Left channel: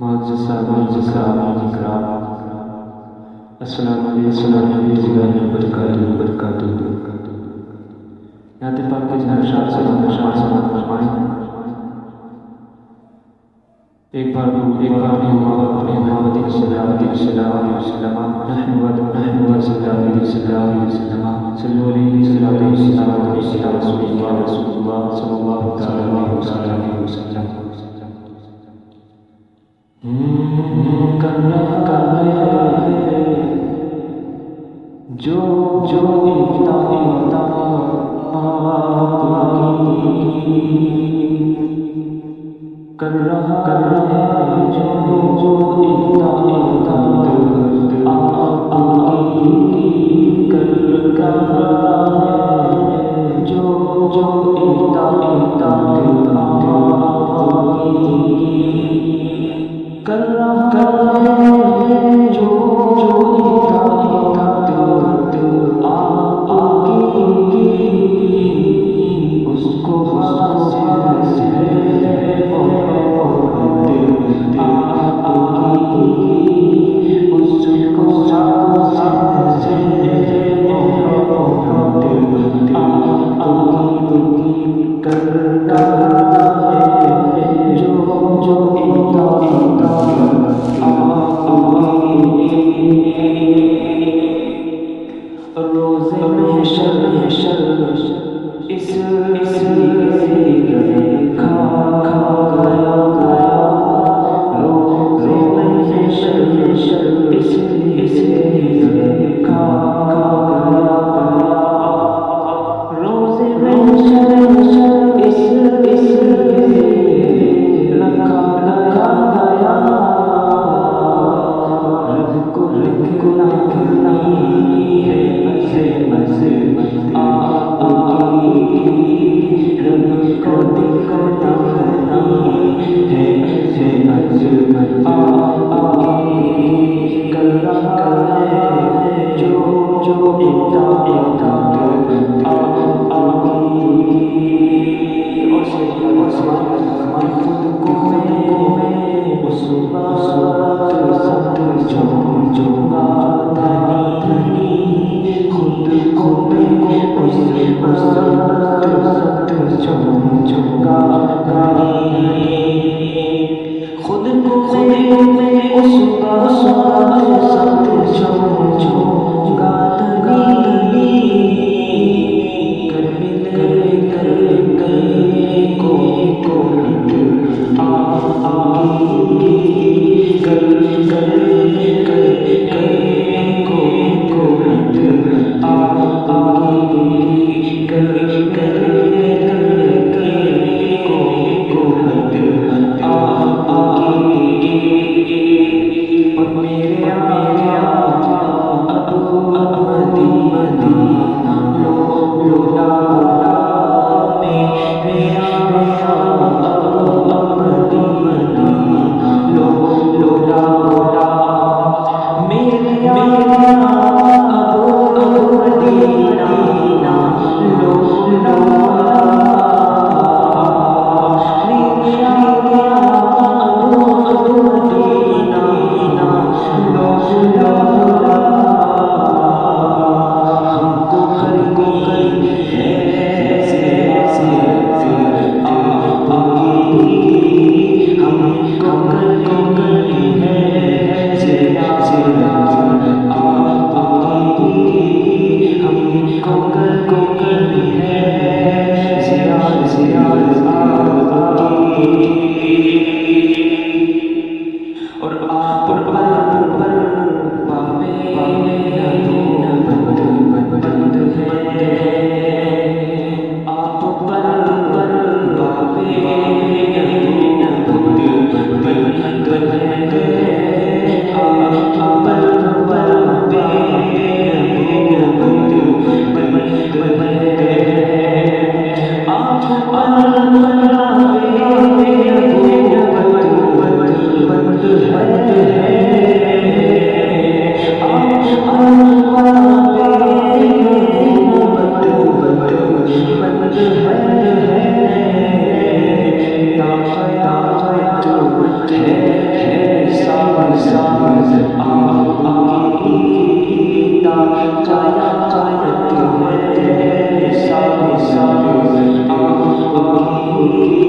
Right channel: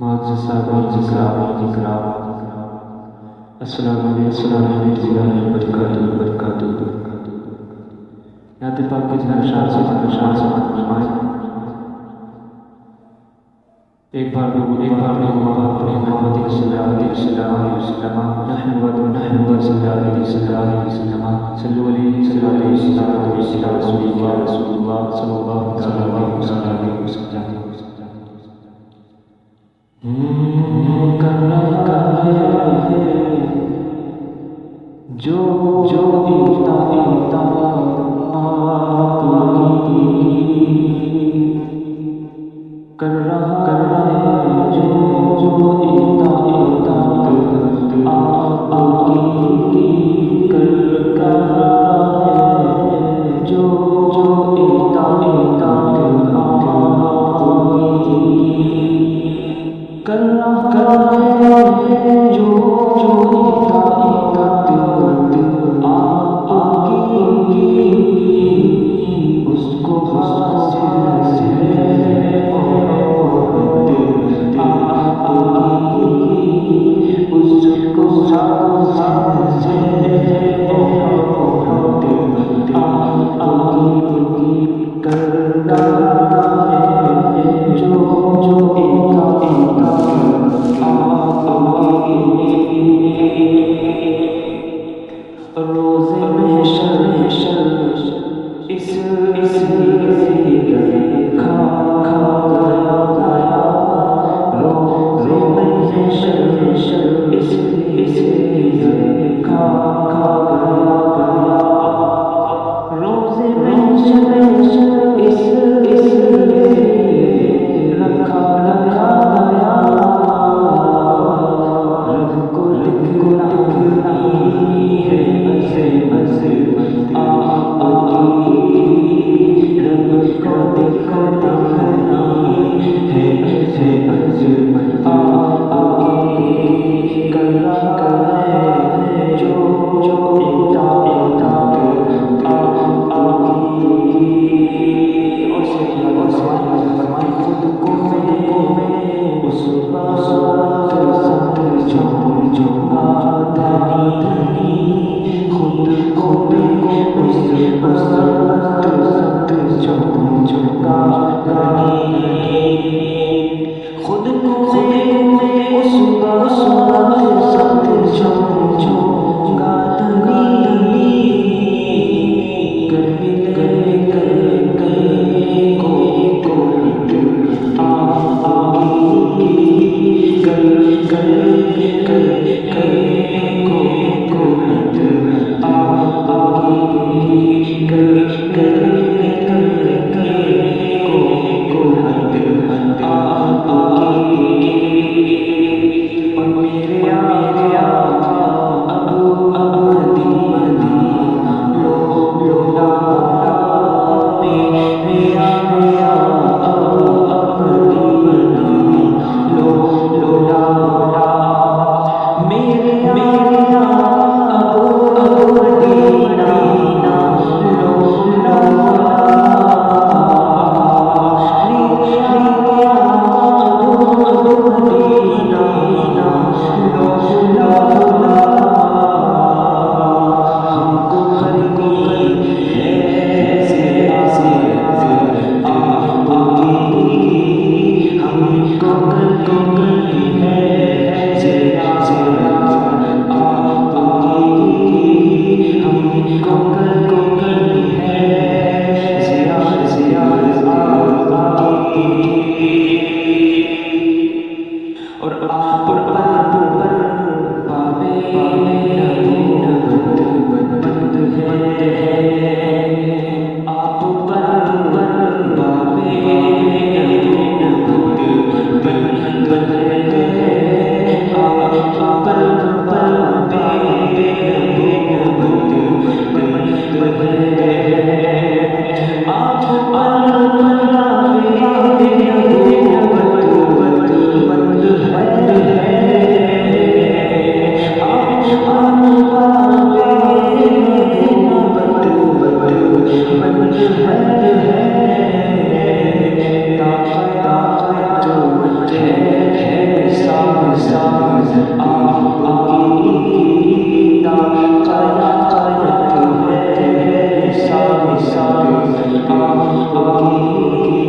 معزز صاحب اکرام السلام علیکم وبرکاتہ۔ نعت پاک کے جناب شاہ سماعت فرمائیں۔ ایک بار اپنے محمد صلی اللہ علیہ وسلم نحمد صلی اللہ علیہ وسلم صلو علیہ صلی اللہ علیہ وسلم رسول اللہ صلی اللہ علیہ وسلم۔ کر رہا ہے جو اطاعت آپ کی، کر رہا ہے جو اطاعت آپ کی، کر رہا ہے جو اطاعت آپ کی، کر رہا ہے جو اطاعت آپ کی، اس کو حاصل ہے محبت آپ کی، اس کو حاصل ہے محبت آپ کی، کر رہا ہے جو اطاعت روز محشر اس کھا گیا، روز محشر اس کھا گیا، روز محشر اس رکھا گیا، رب کو دکھنا ہے عظمت آپ کی، رب کو دکھنا ہے عظمت آپ کی، کر رہا ہے جو اطاعت آپ کی، اور فرمائے خود کو میں اس وقت سمجھوں گا دھنی، خود کو میں اس وقت سمجھوں گا دھنی، خود کو میں اس وقت سمجھوں گا دھنی، گر ملے کو آپ کی، گر کو آپ کی، اور میرے آقا اب مدینہ لوٹا، میرا اب مدینہ لوٹا، میرے اب مدینہ لوٹا، اور آپ پر بند ہے، آپ پر ہے ساز آپ کی قیادت ہے، ساز آپ کی